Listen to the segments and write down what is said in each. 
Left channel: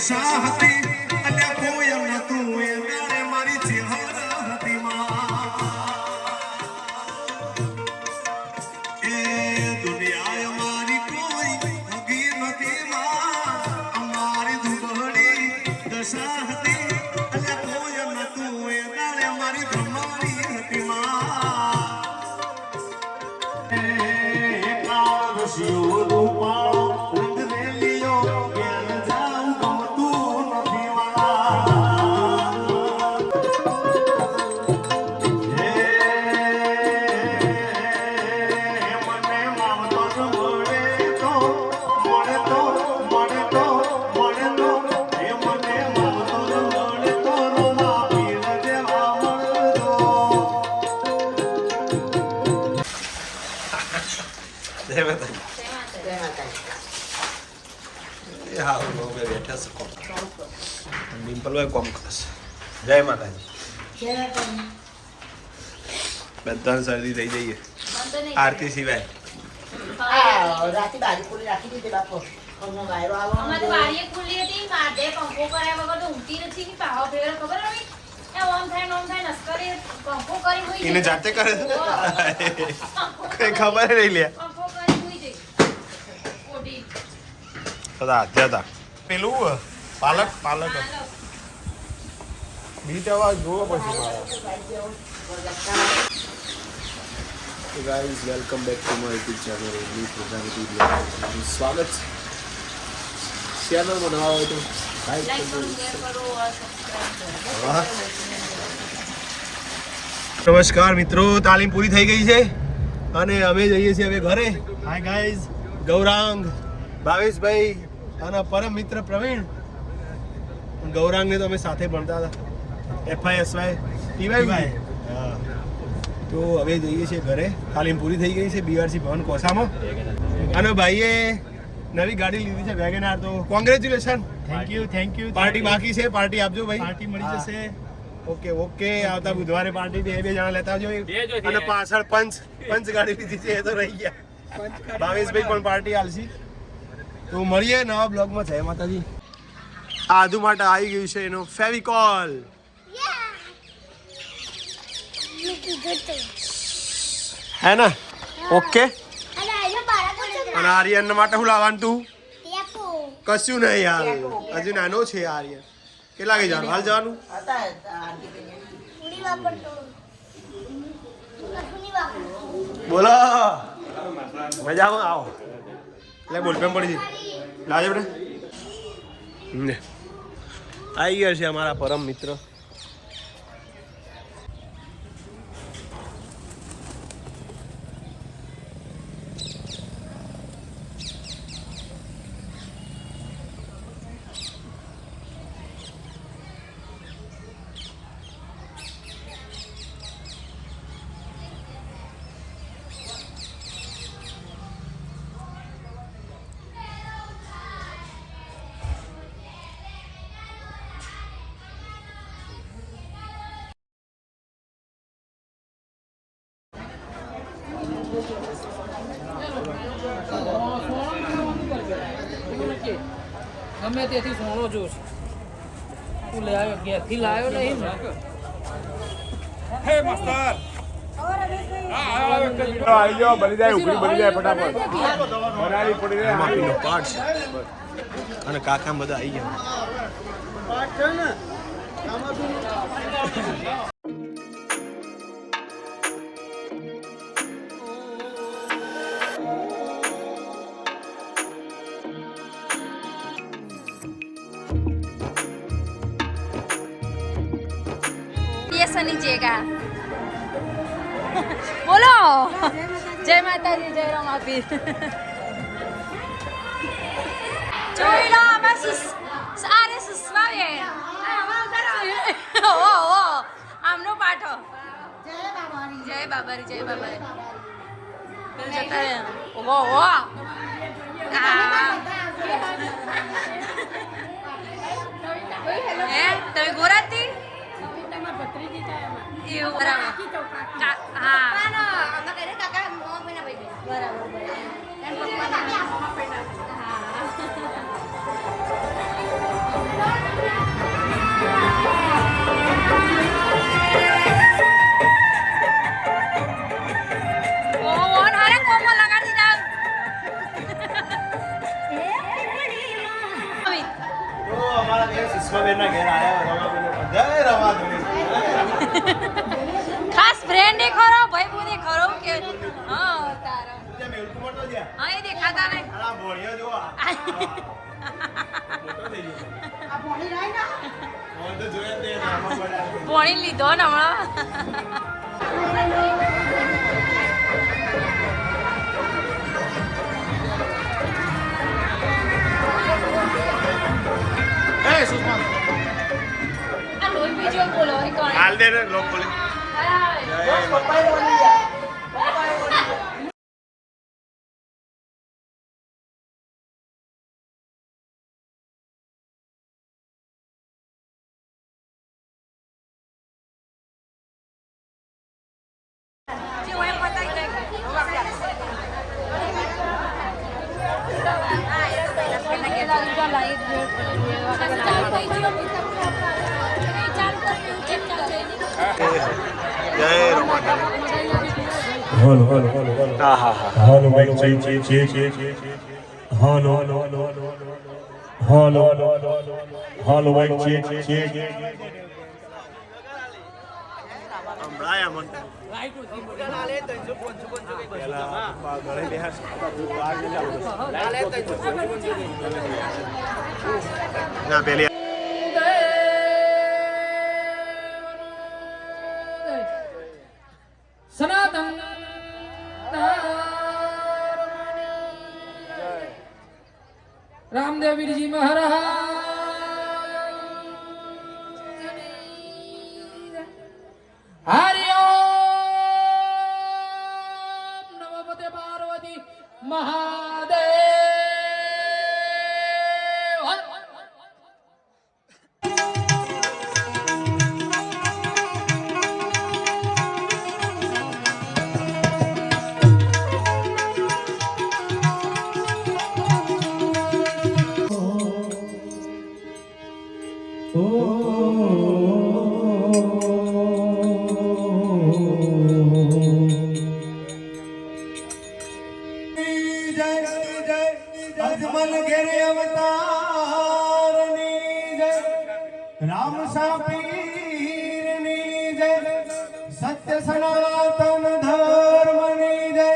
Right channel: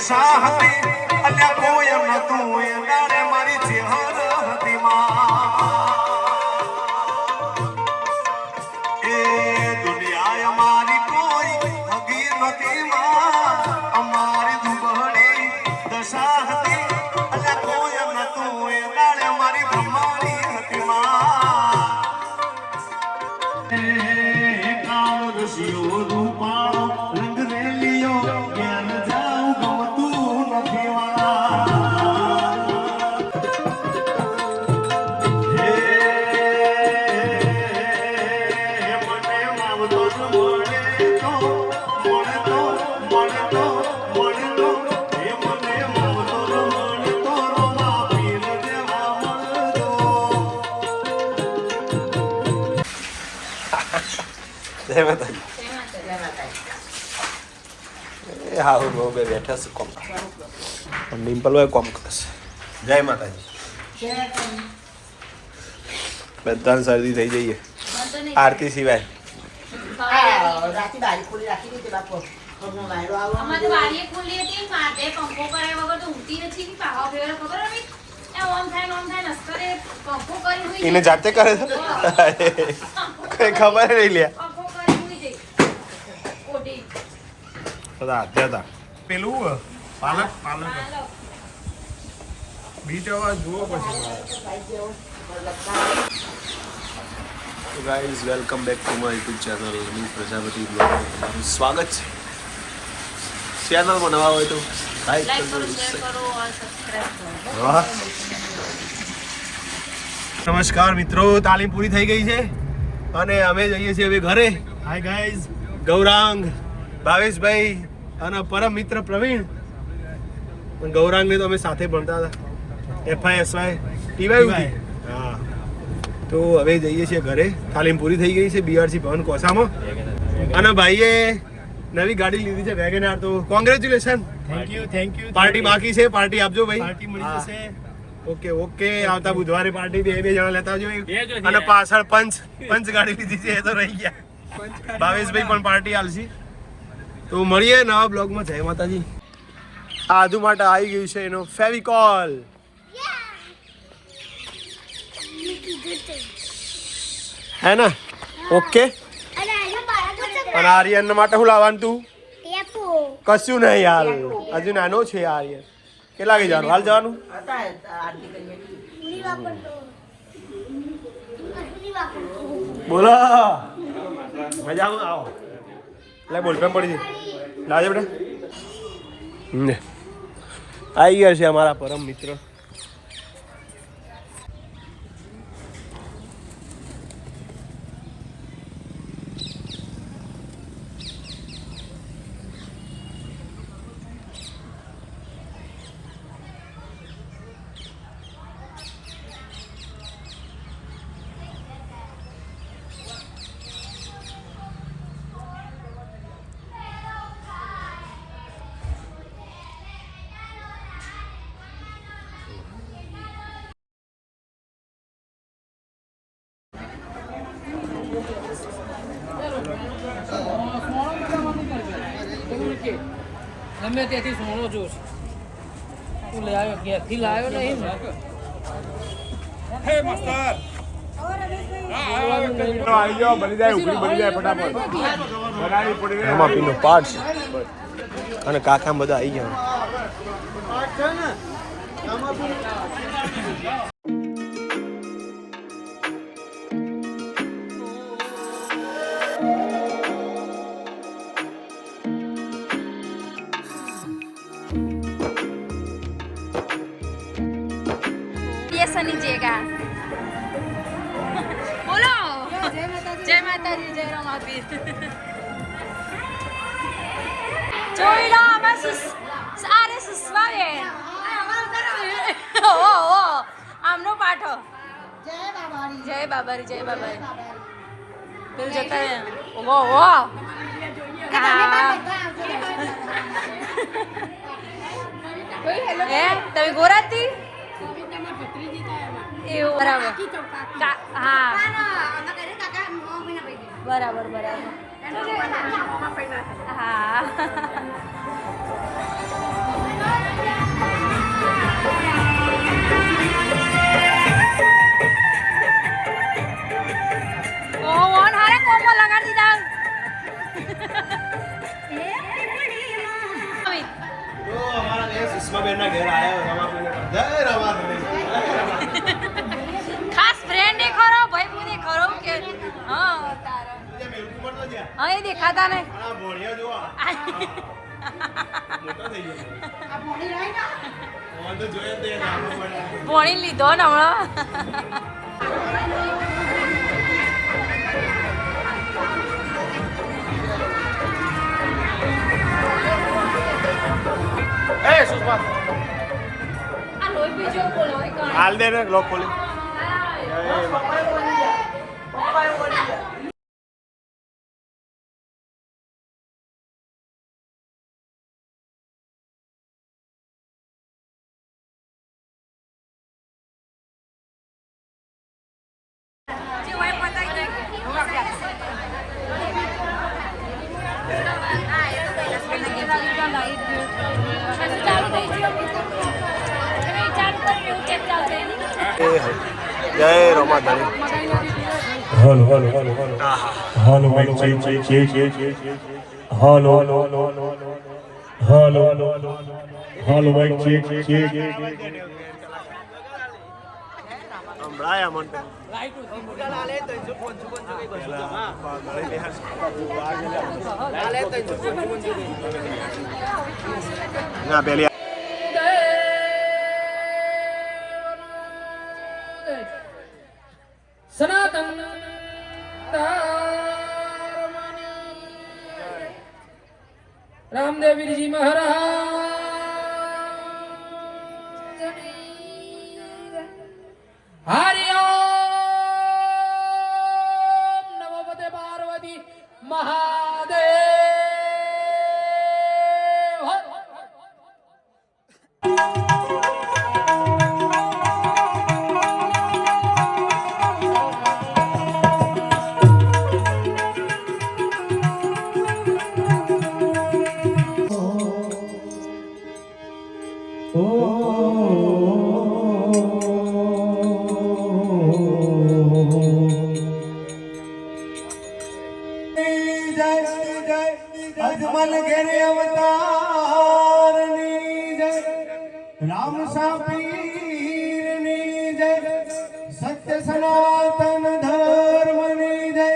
દશા હતી અલ્યા કોઈ નતું એ દાડે મારી ચેહર હતી એ દુનિયા અમારી કોઈ હગી નથી અમારી દુબળી દશા હતી અલ્યા કોઈ નતું એ દાડે મારી બ્રહ્માની હતી કામ દસ્યો રૂપા જય માતાજી એ હા હું બે બેઠા છે કોમ ડિમ્પલ ભાઈ કોમ કરશે જય માતાજી બધાને શરદી થઈ જઈએ આરતી સિવાય એને જાતે કરે છે કઈ ખબર નહીં લે હતા પેલું પાલક બીટ અવાજ જોવો પછી તો guys welcome back to my YouTube channel ની પ્રજાપતિ બ્લોગમાં તમારું સ્વાગત છે ચેનલમાં નવા હોય તો લાઈક કરો. નમસ્કાર મિત્રો, તાલીમ પૂરી થઈ ગઈ છે અને અમે જઈએ છીએ હવે ઘરે. હાય ગાઈઝ, ગૌરાંગ, ભાવેશભાઈ અને પરમ મિત્ર પ્રવીણ. ગૌરાંગને તો અમે સાથે ભણતા હતા FISY TY. હા, તો હવે જઈએ છીએ ઘરે. તાલીમ પૂરી થઈ ગઈ છે BRC ભવન કોસામાં અને ભાઈએ નવી ગાડી લીધી છે વેગેનાર. તો કોંગ્રેચ્યુલેશન. Thank you. પાર્ટી બાકી છે, પાર્ટી આપજો ભાઈ. પાર્ટી મળી જશે. ઓકે. આવતા બુધવારે પાર્ટી બે જણા લેતા આવજો. અને પાછળ પંચ ગાડી લીધી છે એ તો રહી ગયા. ભાવેશભાઈ પણ પાર્ટી આલશે. તો મળીએ નવા બ્લોગમાં. જય માતાજી. આદુ માટે આવી ગયું છે એનો ફેવિકોલ. હે ને? ઓકે. અને આર્યન માટે શું લાવવાનું તું? કશું નહીં હાલ, હજુ નાનો છે આર્યન. કેટલા વાગે જવાનું? હાલ જવાનું? બોલો, મજામાં આવો. એટલે બોલપેન પડી છે, લાવજો બેટા. આવી ગયા છે અમારા પરમ મિત્ર. ગમે તેથી સોનો જોશ તું લે આવ્યો, ઘેરથી લાવ્યો નહીં ને. હે માસ્ટર આવી જાઓ, બની જાય, ઉભરી બની જાય ફટાફટ. બનાવી પડી રમાપીનો પાઠ છે અને કાકા બધા આવી ગયા. लीजिएगा. बोलो जय माताजी, जय रमापीर. જોઈ લો અમે સારે સુસવાવે. ઓ આમનો પાઠો. જય બાબારી. પેલું જતા હે તમે ગોરાતી એવું બરાબર. હા બરાબર. હા અમારા બેન સુષ્માબેનના ઘેર આવ્યા જય રમાધણી. ખાસ ફ્રેન્ડ ખરો ભાઈ પૂરી ખરો કે હા તારો મેલકુમાર તો જ્યાં હા એ દેખાતા ને આ ભોળિયો જો મોટો થઈ ગયો. તો જોયે તે નામા પડ્યા. ભણી લીધો ને હમણાં એ સુષ્મા આ લોહી બીજો બોલો એ કોણ હાલ દે ને લોક ખોલી. જય માતા. જય રમાધણી. Hello, hello, hello, hello. હા હા હા. Hello, mic check. Hello, hello, hello, mic check. હમણાં મન ના પેલી સનાતન રામદેવીજી મહારાજ હરિ ઓમ નમો પતે પાર્વતી મહાદેવ. અજમલ ઘેરે અવતારની જય રામ સાપીરની જય સત્ય સનાતન ધર્મની જય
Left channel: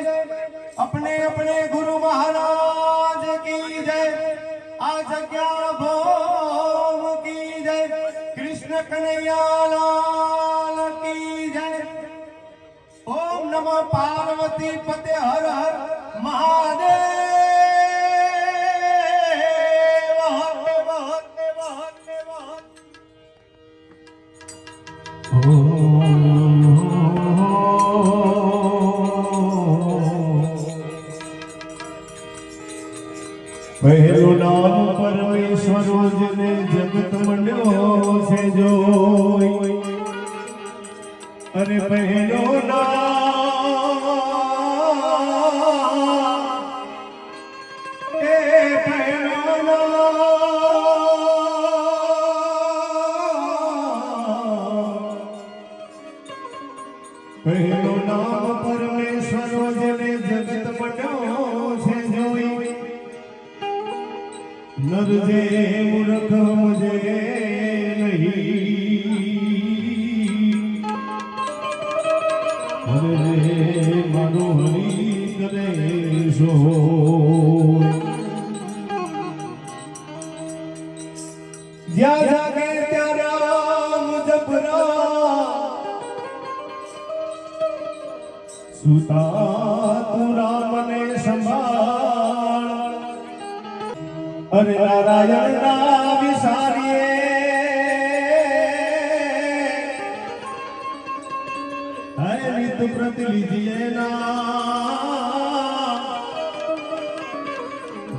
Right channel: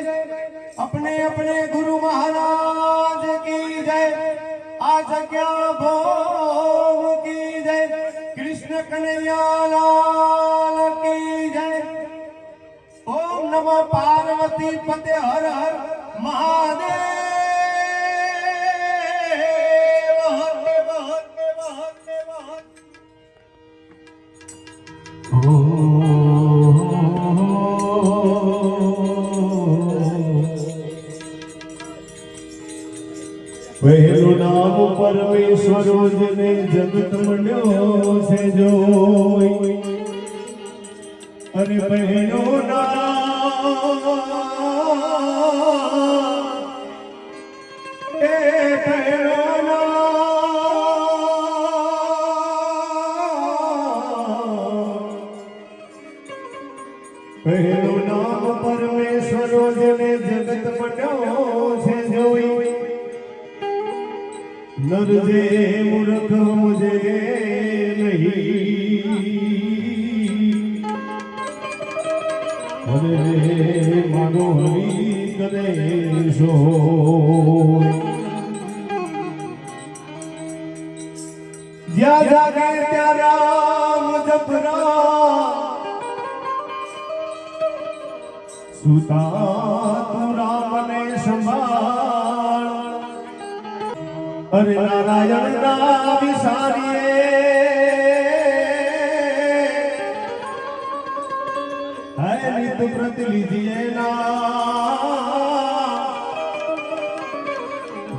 अपने अपने गुरु महाराज की जय आ जग्या भोग की जय कृष्ण कन्हैया लाल की जय ओम नमो पार्वती पते हर हर महादेव. પહેલો નામ પરમેશ્વરો જેને જગત મળ્યો છે જોઈ અને પહેલો નામ એ પહેલો પહેલો નામ પરમેશ્વરો જેને જગત મળ્યો છે જોઈ नर जे मूर्ख मुझे नहीं अरे मानो हरि करे सो ज्या जागे त्या राम जपरा सुता तू राम ने संभाल अरे नारायण ना विसारिए है नित व्रत लीजिए ना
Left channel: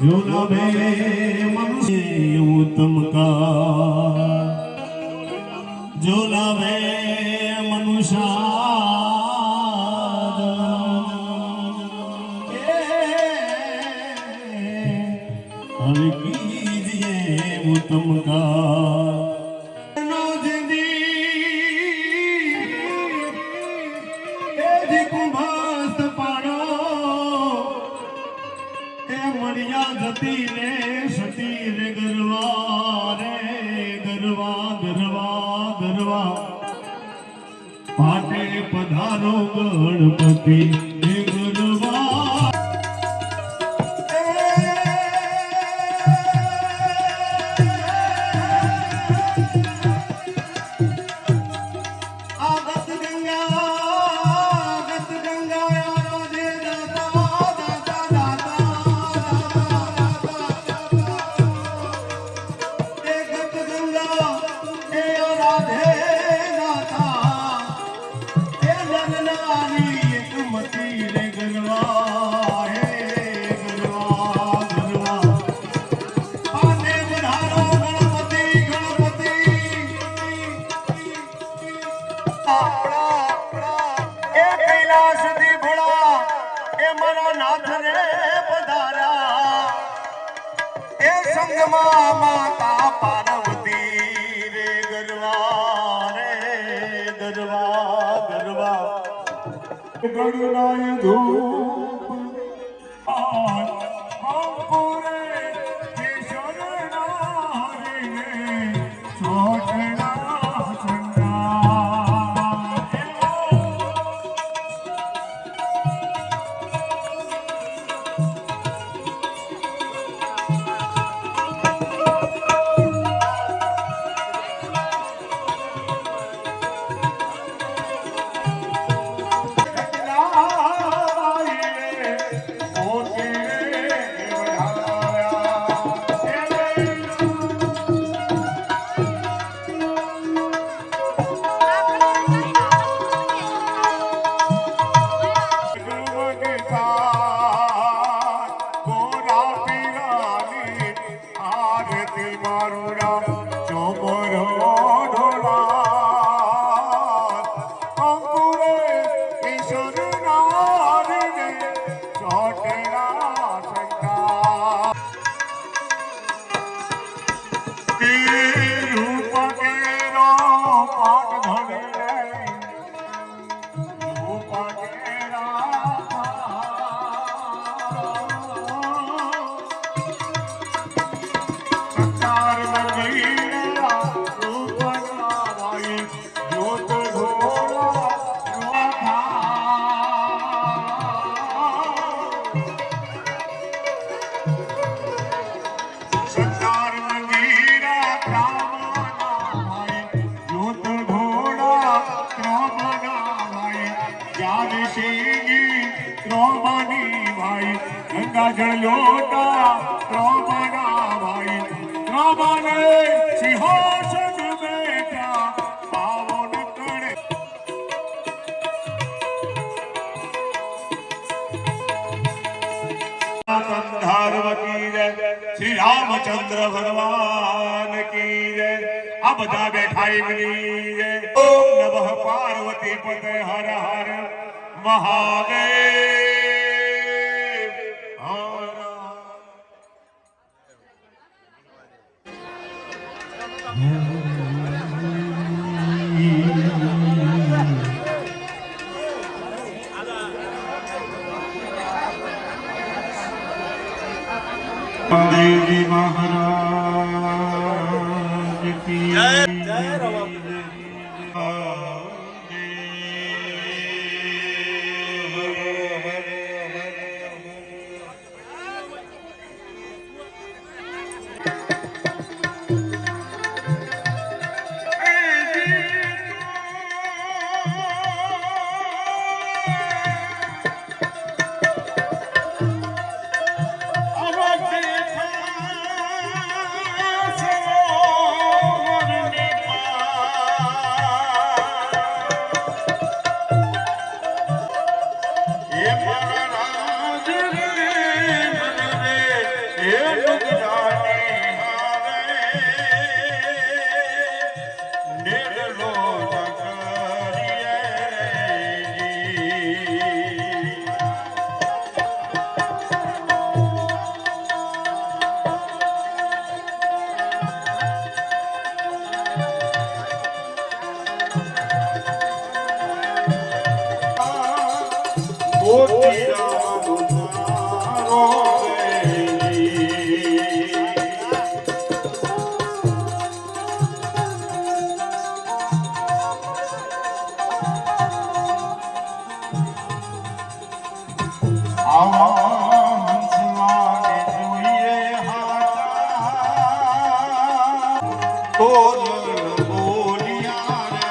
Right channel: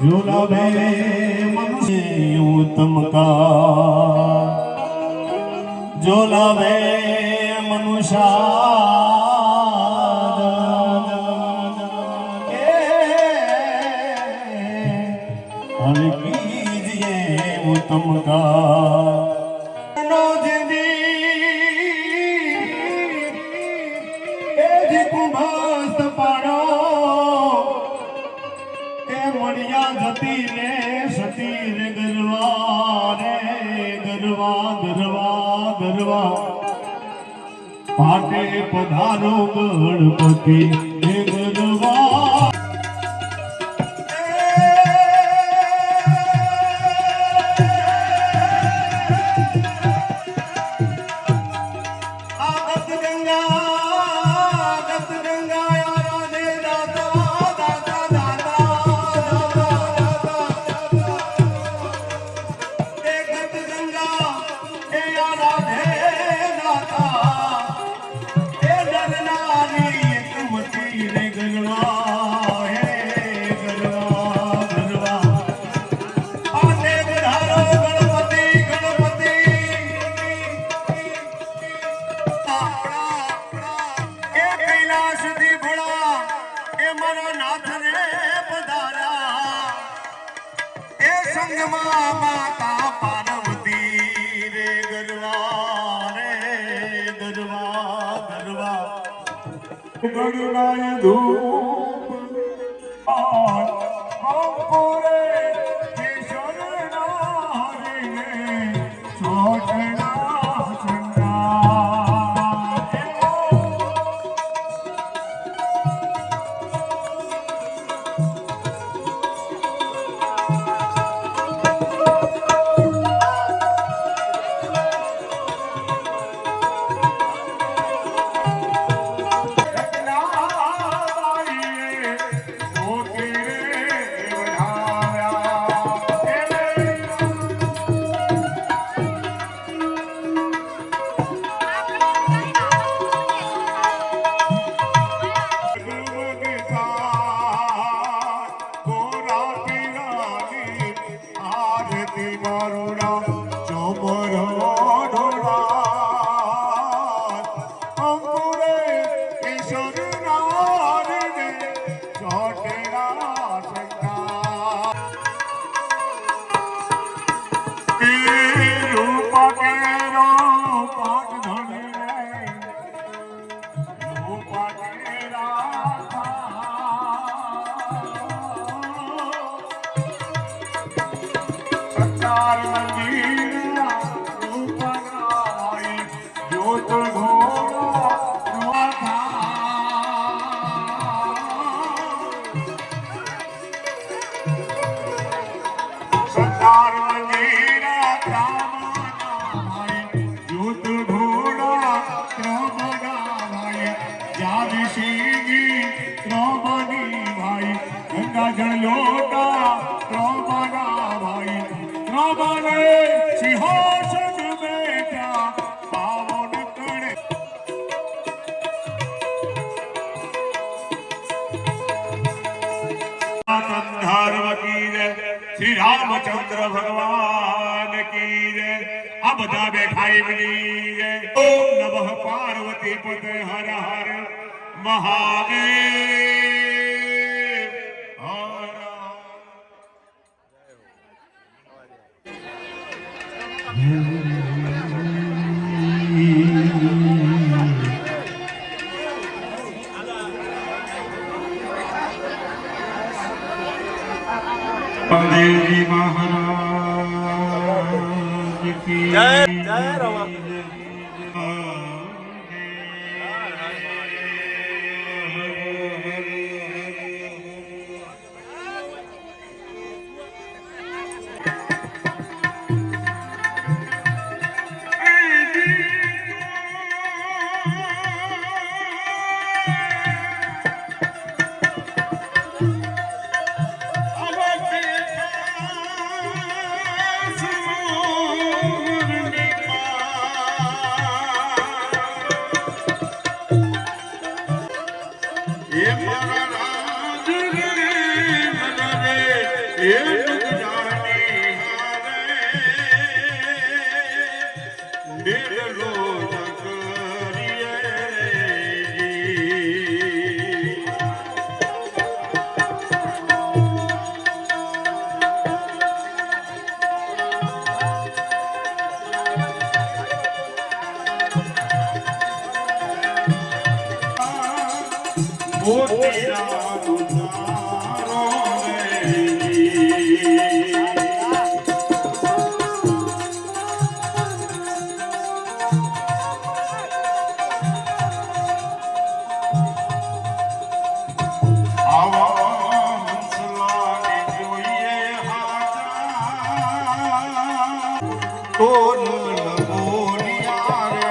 जो लाभे मनुष्य उत्तम का जो लाभे मनुष्य उत्तम का कुंभास्त पाड़ो ए मणिया जती ने सती रे गरवारे ભરવા પાટે પધારો ગણપતિ હે ગરવા માતા પાર્વતી રે ગરવા ગરવા ગણનાય ધૂપ પૂરે કેશર નારીને છોટના ચંડા લોટા ત્રોબના ભાઈ ત્રોબને સિંહાસન બેઠા પાવન કરે ધારવતી જય શ્રી રામચંદ્ર ભગવાન કી જય આ બધા બેઠા એમની જય ઓમ નમઃ પાર્વતી પતે હર હર મહાદેવ देवजी महाराज की जय जय राम બોલ બોલિયા રે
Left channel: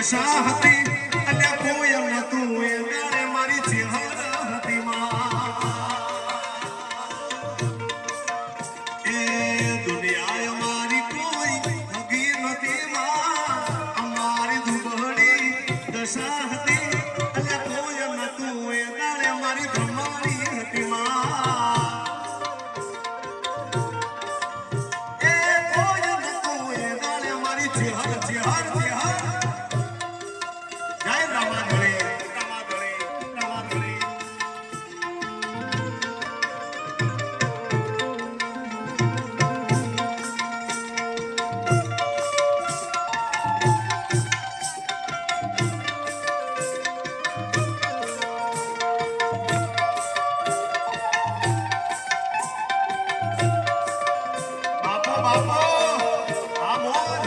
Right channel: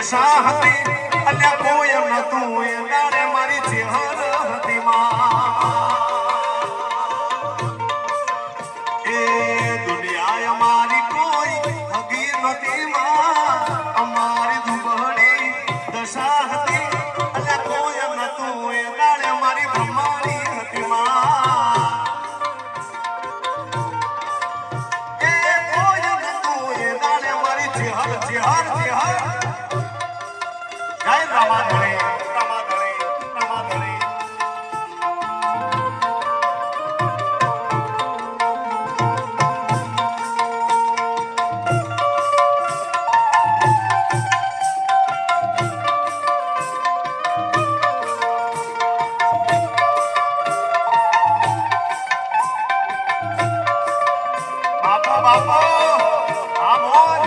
દશા હતી અલ્યા કોઈ નતું એ દાડે મારી ચેહર હતી એ દુનિયા અમારી કોઈ હગી નથી અમારી દુબળી દશા હતી અલ્યા કોઈ નતું એ દાડે મારી બ્રહ્માની હતી એ કોઈ નતું એ દાડે મારી ચેહર ચેહર ચેહર જય રામાધણી રામાધણી રામાધણી બાપો બાપો આ મોર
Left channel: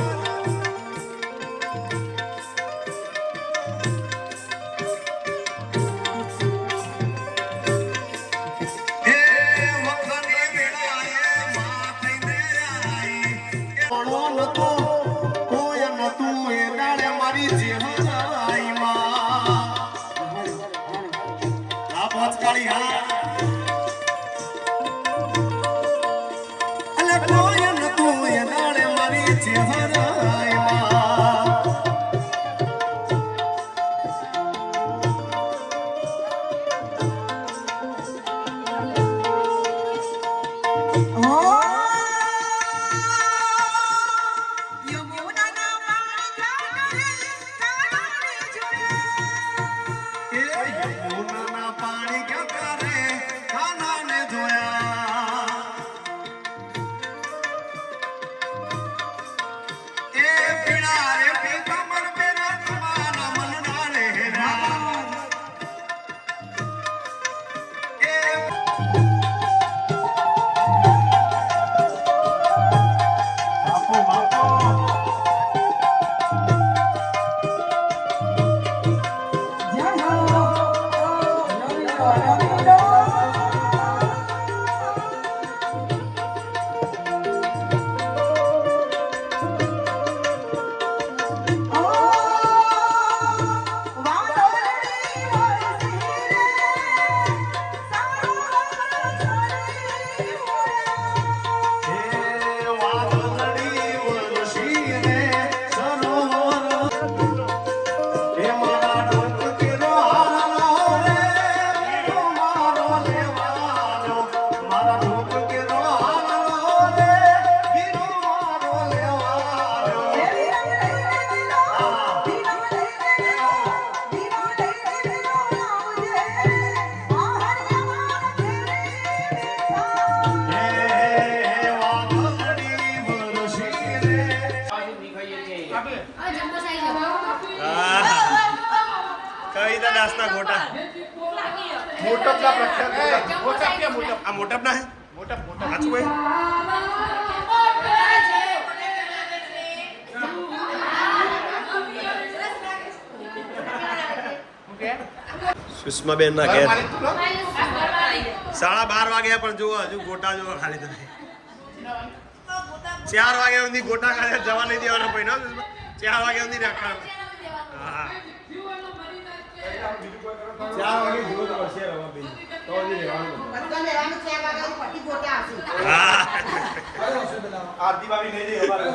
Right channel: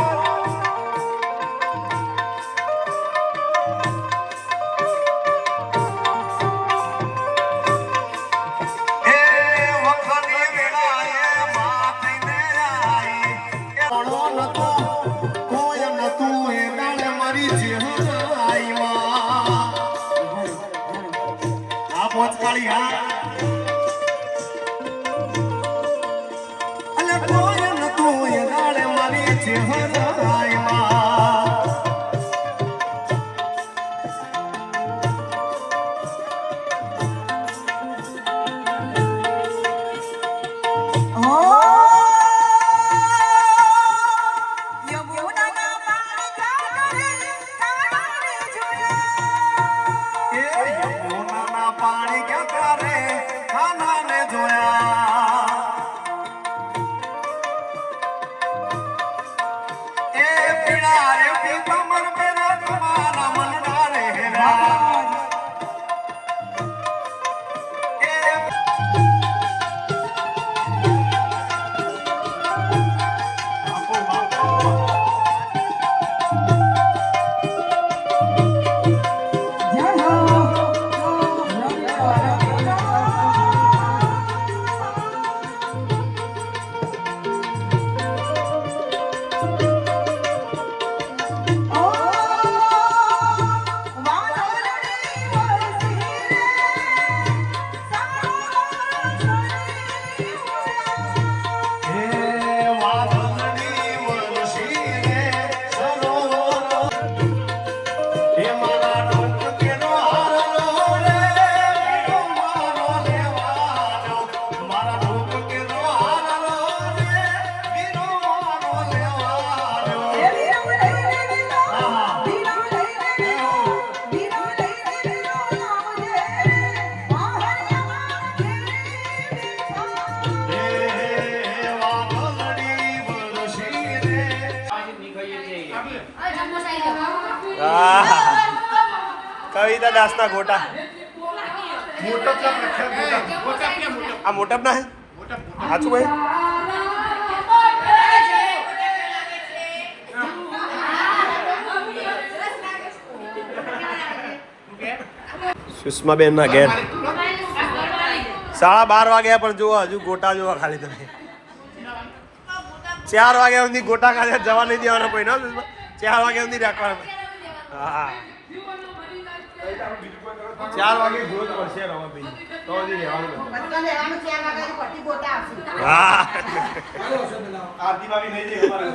એ વખની વેળાએ માથીને આઈ એ ઓળો નતો કોઈ નતું એ દાડે મારી ચેહર આઈમાં આ પોચકાળી હા અલે કોઈ નતું એ દાડે મારી ચેહર આઈમાં એ યમુનાના પાણી ક્યાં કરે ખાનાને જોયા એ પીડા રે પીતાંબર પેરા તમારા મનડા રે હેરા એ બાપો બાપો એ વાદળની વંશીને સરોવર એ મારા ડોક કેરો હાલો રે બીજો મારો લેવાનો મારા ડોક કેરો હાલો રે બીજો મારો લેવાનો કવિતા દાસના ગોટા આ મોટપ ના હે સાચું ભાઈ સુષ્માબેન ના ઘેર 12:30 વાગ્યા પણ જોવા હજુ ગોટા જોવા ખાલી તમે 4 વાગ્યા સુધી ગોટા ખાલી જવા નહીં દેવાનો કોઈ ના 4 વાગ્યા સુધી રાખવાનું હા 4 વાગે જોત પડશે રવા બેન તો જ રહેવાનું હા આરતી ભાભી લઈ જઈ અમારે